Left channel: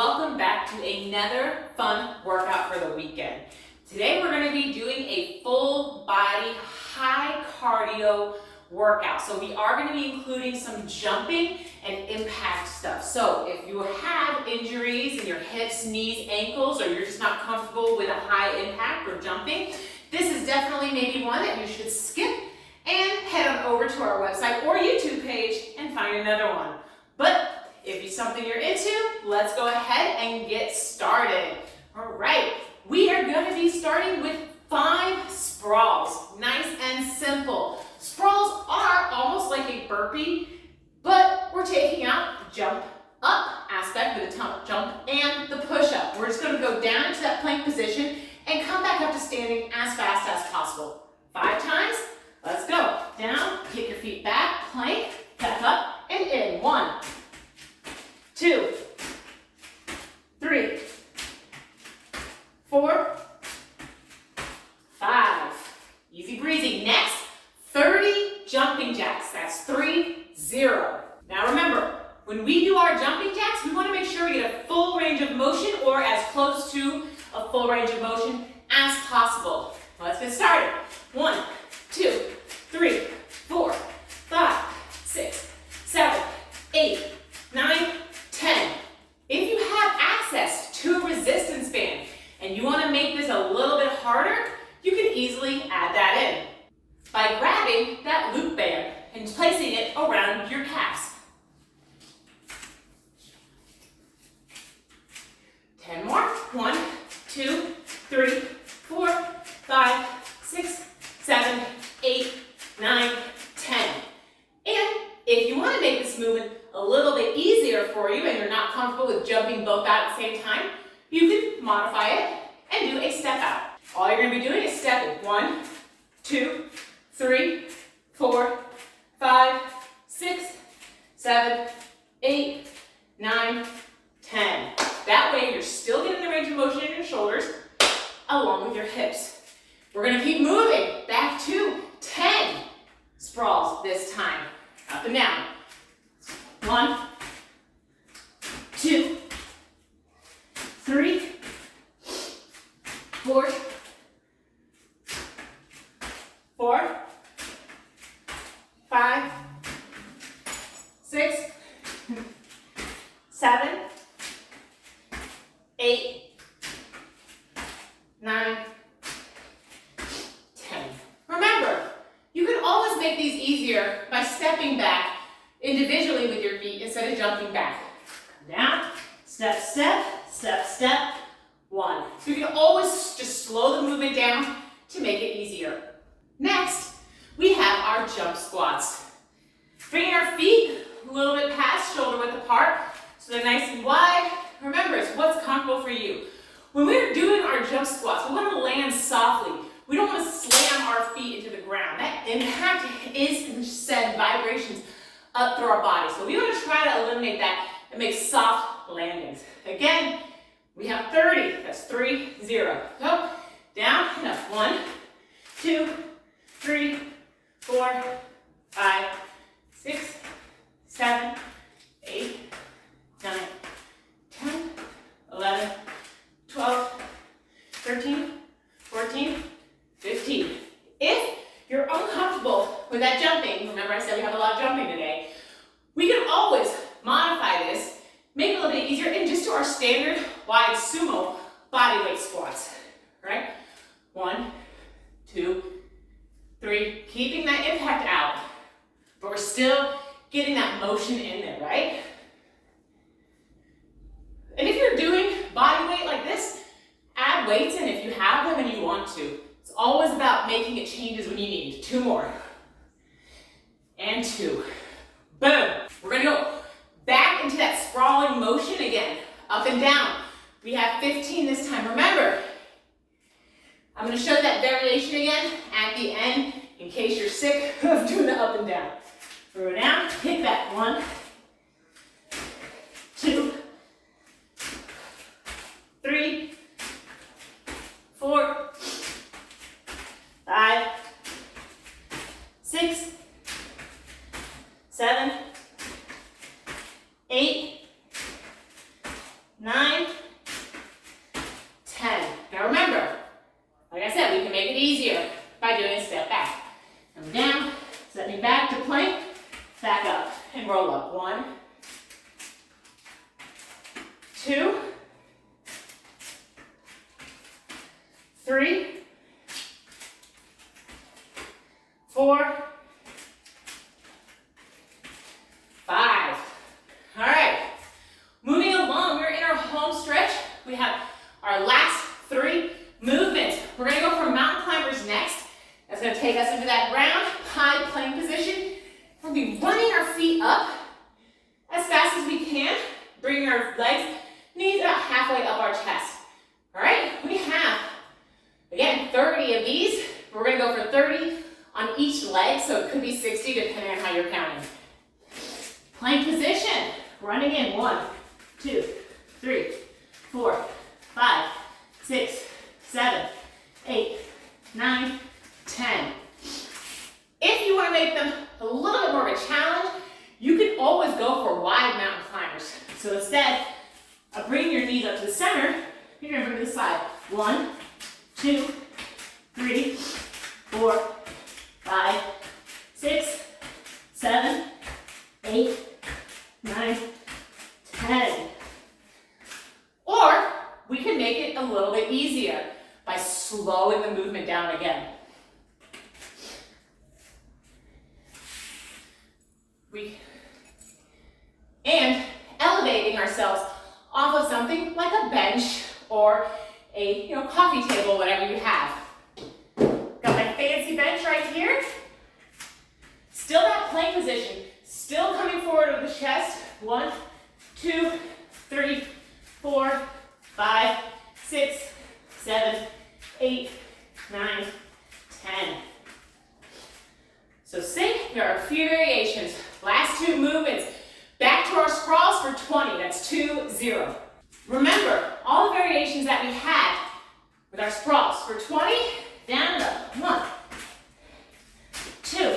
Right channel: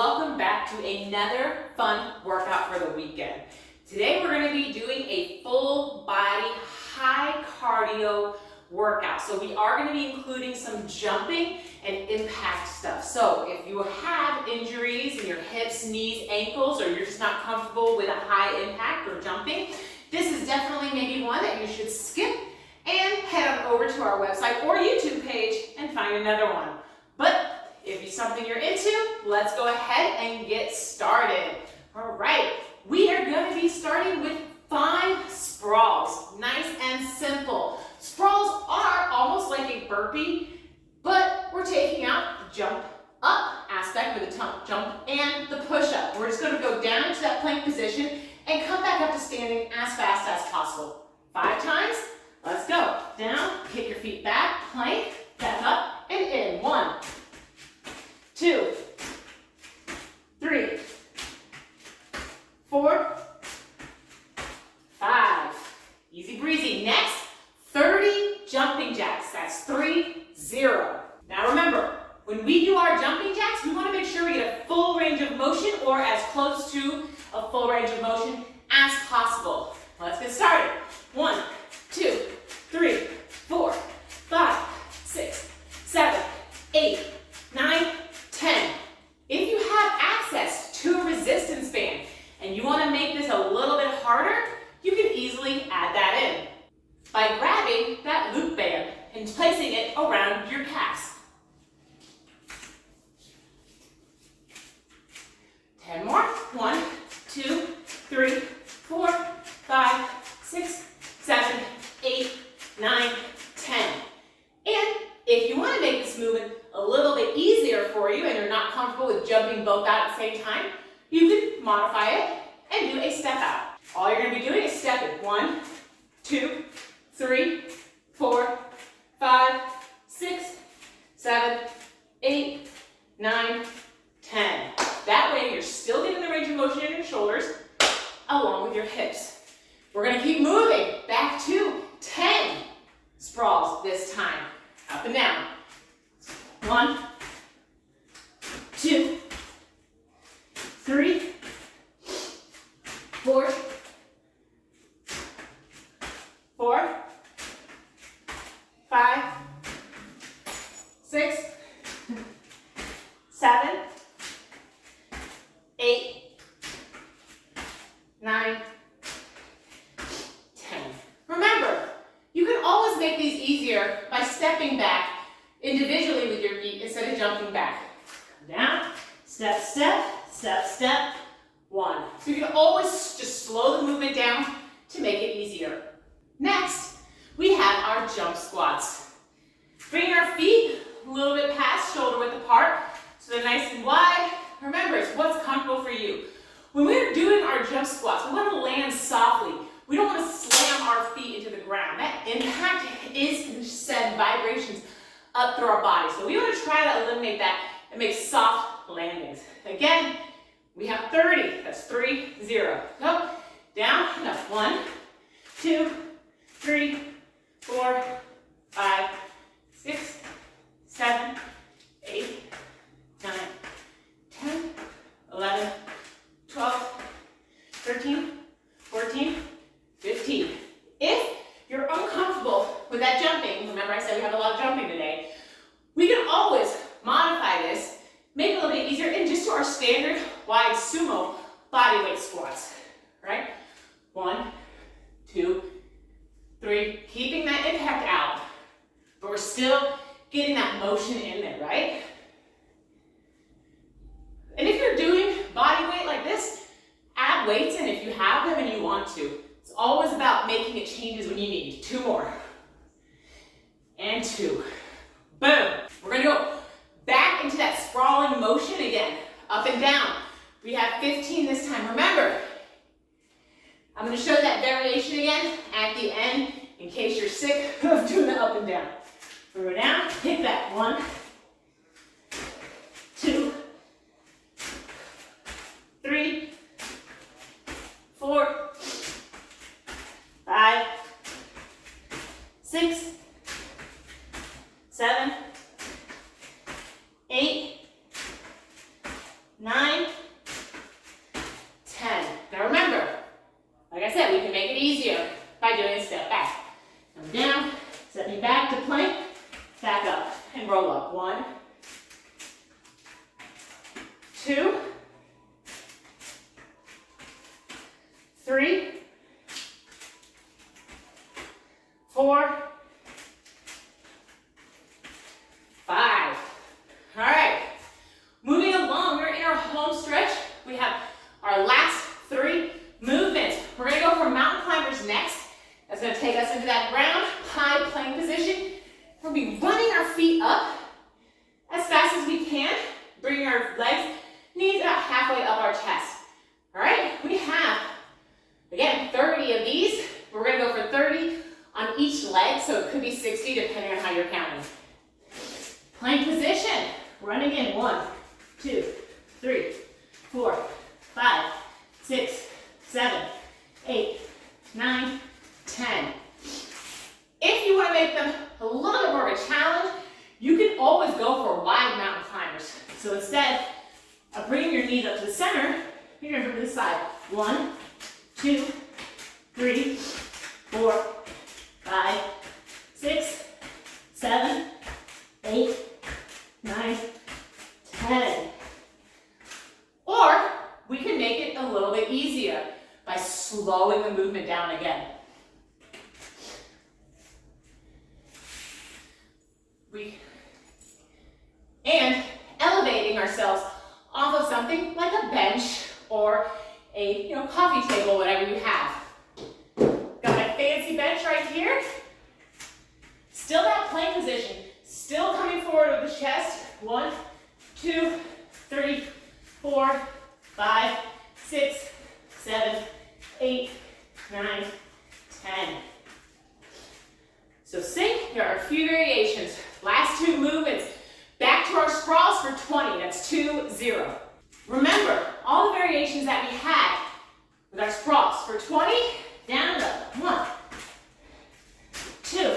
welcome back to another fun workout for the weekend. Today we're going to be doing a full body, high cardio workout. So we are going to be including some jumping and impact stuff. So if you have injuries in your hips, knees, ankles, or you're just not comfortable with a high impact or jumping, this is definitely maybe one that you should skip and head on over to our website or YouTube page and find another one. But if it's something you're into, let's go ahead and get started. All right, we are going to be starting with 5 sprawls. Nice and simple. Sprawls are almost like a burpee, but we're taking out the jump up aspect with the jump and the push up. We're just going to go down into that plank position and come back up to standing as fast as possible. 5 times. Let's go. Down, kick your feet back, plank, back up, and in. 1, 2, 3, 4, 5. Easy breezy. Next, 30 jumping jacks. That's 3, 0. Now remember, when we do our jumping jacks, we want to make sure we get a full range of motion or as close to a full range of motion as possible. Let's get started. 1, 2, 3, 4, 5, 6, 7, 8, 9, 10. If you have access to a resistance band and you want to make this a little bit harder, you can easily add that in by grabbing that loop band and placing it around your calves. 10 more. 1, 2, 3, 4, 5, 6, 7, 8, 9, 10. And if you want to make this movement a little bit easier for you and you're not comfortable with jumping both out at the same time, you can modify it and do a step out. All you're going to be doing is stepping. 1, 2, 3, 4, 5, 6, 7, 8, 9, 10. That way you're still getting the range of motion in your shoulders along with your hips. We're going to keep moving back to 10 sprawls this time. Up and down. 1, 2, 3, 4, 5, 6, 7, 8, 9, 10. Remember, you can always make these easier by stepping back individually with your feet instead of jumping back. Down, step, step, step, step, 1. So you can always just slow the movement down to make it easier. Next, we have our jump squats. Bringing our feet a little bit past shoulder width apart so they're nice and wide. Remember, it's what's comfortable for you. When we're doing our jump squats, we want to land softly. We don't want to slam our feet into the ground. That impact is going to send vibrations up through our body. So we want to try to eliminate that and make soft landings. Again, we have 30. That's 3, 0. Go down and up. 1, 2, 3, 4, 5, 6, 7, 8, 9, 10, 11, 12, 13, 14, 15. If you're uncomfortable with that jumping, remember I said we have a lot of jumping today, we can always modify this, make it a little bit easier, and just do our standard wide sumo body weight squats, right? 1, 2, 3, keeping that impact out, but we're still getting that motion in there, right? And if you're doing body weight like this, add weights in if you have them and you want to. It's always about making it changes when you need. 2 more. And 2. Boom. We're going to go back into that sprawling motion again. Up and down. We have 15 this time. Remember, I'm going to show that variation again at the end in case you're sick of doing the up and down. Throw it down. Hit that. 1, 2, 3, 4, 5, 6, 7, 8, 9, roll up. 1, 2, 3, 4, 5. All right, moving along, we're in our home stretch. We have our last 3 movements. We're gonna go for mountain climbers next. That's gonna take us into that round high plank position. We'll be running our feet up as fast as we can, bringing our legs, knees about halfway up our chest. All right, we have, again, 30 of these. We're gonna go for 30 on each leg, so it could be 60 depending on how you're counting. Plank position, running in, 1, 2, 3, 4, 5, 6, 7, 8, 9, 10. If you want to make them a little bit more of a challenge, you can always go for wide mountain climbers. So instead of bringing your knees up to the center, you're going to bring to the side. 1, 2, 3, 4, 5, 6, 7, 8, 9, 10. Or we can make it a little bit easier by slowing the movement down again. And elevating ourselves off of something like a bench or a coffee table, whatever you have. Got my fancy bench right here. Still that plank position. Still coming forward with the chest. 1, 2, 3, 4, 5, 6, 7, 8, 9, 10. So sink, there are a few variations. Last 2 movements. Back to our sprawls for 20, that's 2, 0. Remember, all the variations that we had with our sprawls. For 20, down and up. 1, 2,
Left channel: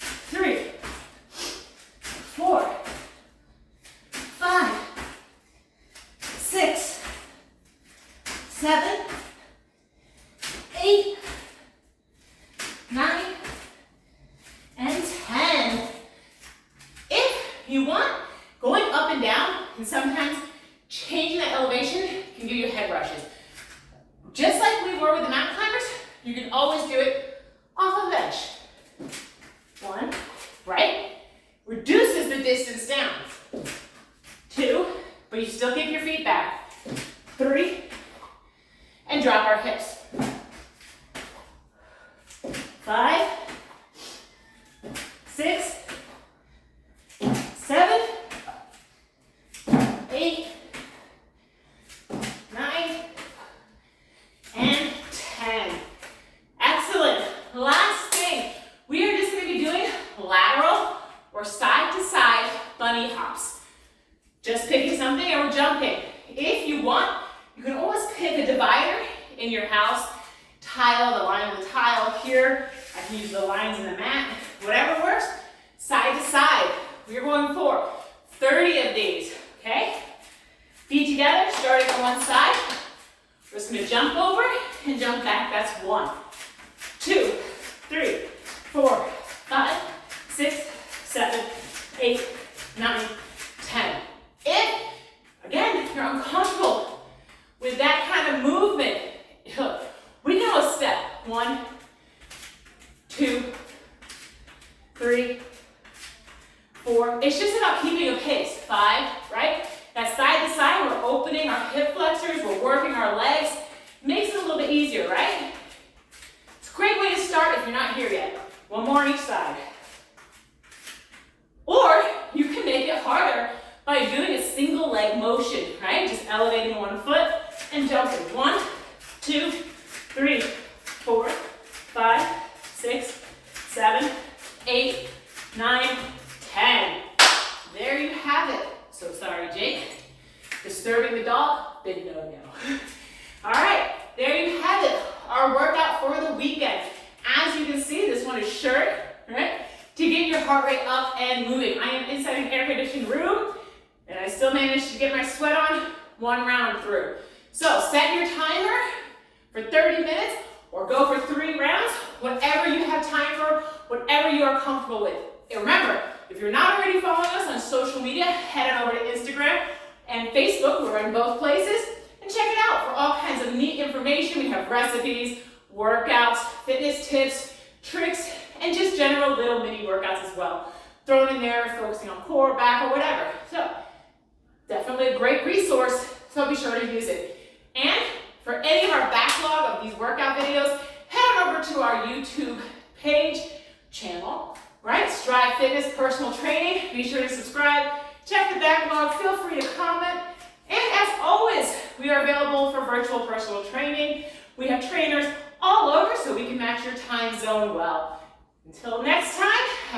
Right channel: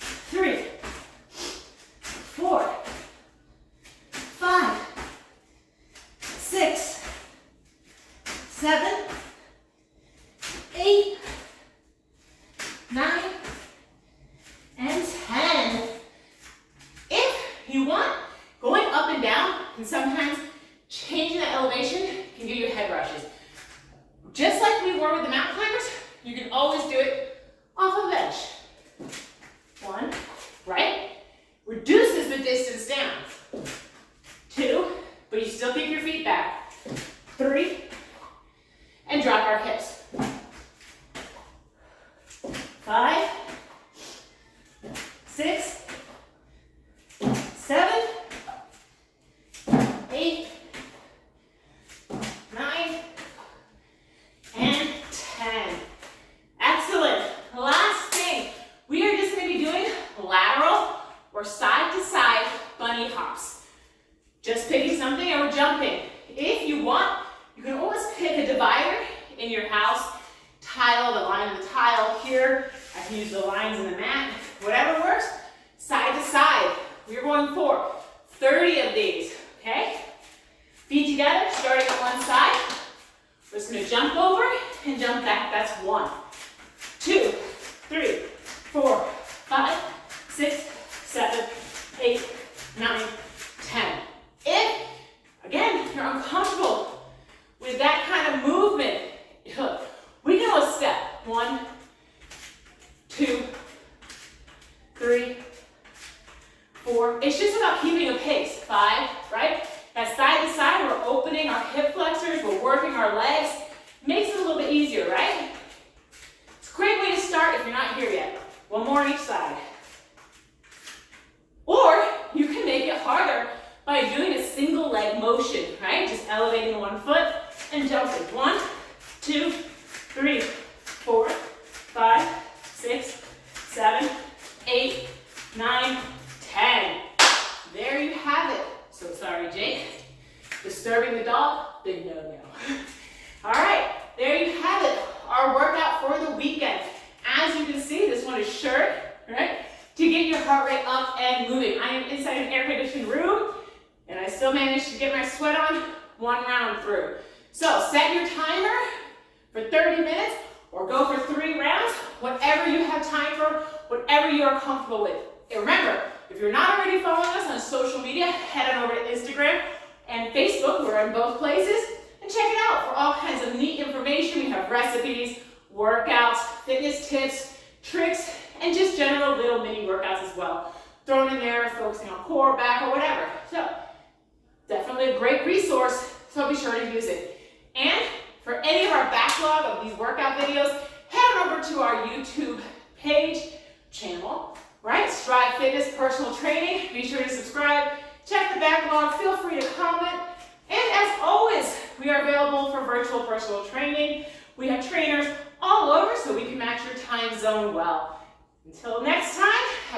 3, 4, 5, 6, 7, 8, 9, and 10. If you want, going up and down, and sometimes changing the elevation can give you head rushes. Just like we were with the mountain climbers, you can always do it off a bench. 1, right? Reduces the distance down. 2, but you still kick your feet back. 3, and drop our hips. 5, 6, 7, 8, 9, and 10. Excellent. Last thing, we are just going to be doing lateral or side to side bunny hops. Just picking something and we're jumping. If you want, you can always pick a divider in your house, tile, the line of the tile here. I can use the lines in the mat, whatever works. Side to side, we're going for 30 of these, okay? Feet together, starting on one side. We're just gonna jump over and jump back. That's 1, 2, 3, 4, 5, 6, 7, 8, 9, 10. If, again, you're uncomfortable with that kind of movement, we can always step. 1, 2, 3, 4. It's just about keeping a pace. 5, right? That side to side, we're opening our hip flexors, we're working our legs. Makes it a little bit easier, right? It's a great way to start if you're not here yet. 1 more on each side. Or you can make it harder by doing a single leg motion, right? Just elevating 1 foot and jumping. 1, 2, 3, 4, 5, 6, 7, 8, 9, 10. There you have it. So sorry, Jake. Disturbing the dog, big no-no. All right, there you have it. Our workout for the weekend. As you can see, this one is short, right? To get your heart rate up and moving. I am inside an air-conditioned room, and I still managed to get my sweat on 1 round through. So set your timer for 30 minutes or go for 3 rounds, whatever you have time for, whatever you are comfortable with. And remember, If you're not already following us on social media, head on over to Instagram and Facebook. We're in both places. And check it out for all kinds of neat information. We have recipes, workouts, fitness tips, tricks, and just general little mini workouts as well. Thrown in there, focusing on core, back, or whatever. So definitely a great resource, so be sure to use it. And for any of our backlog of these workout videos, head on over to our YouTube page, channel, right? Strive Fitness Personal Training. Be sure to subscribe, check the backlog, feel free to comment. And as always, we are available for virtual personal training. We have trainers all over so we can match your time zone well. Until next time, have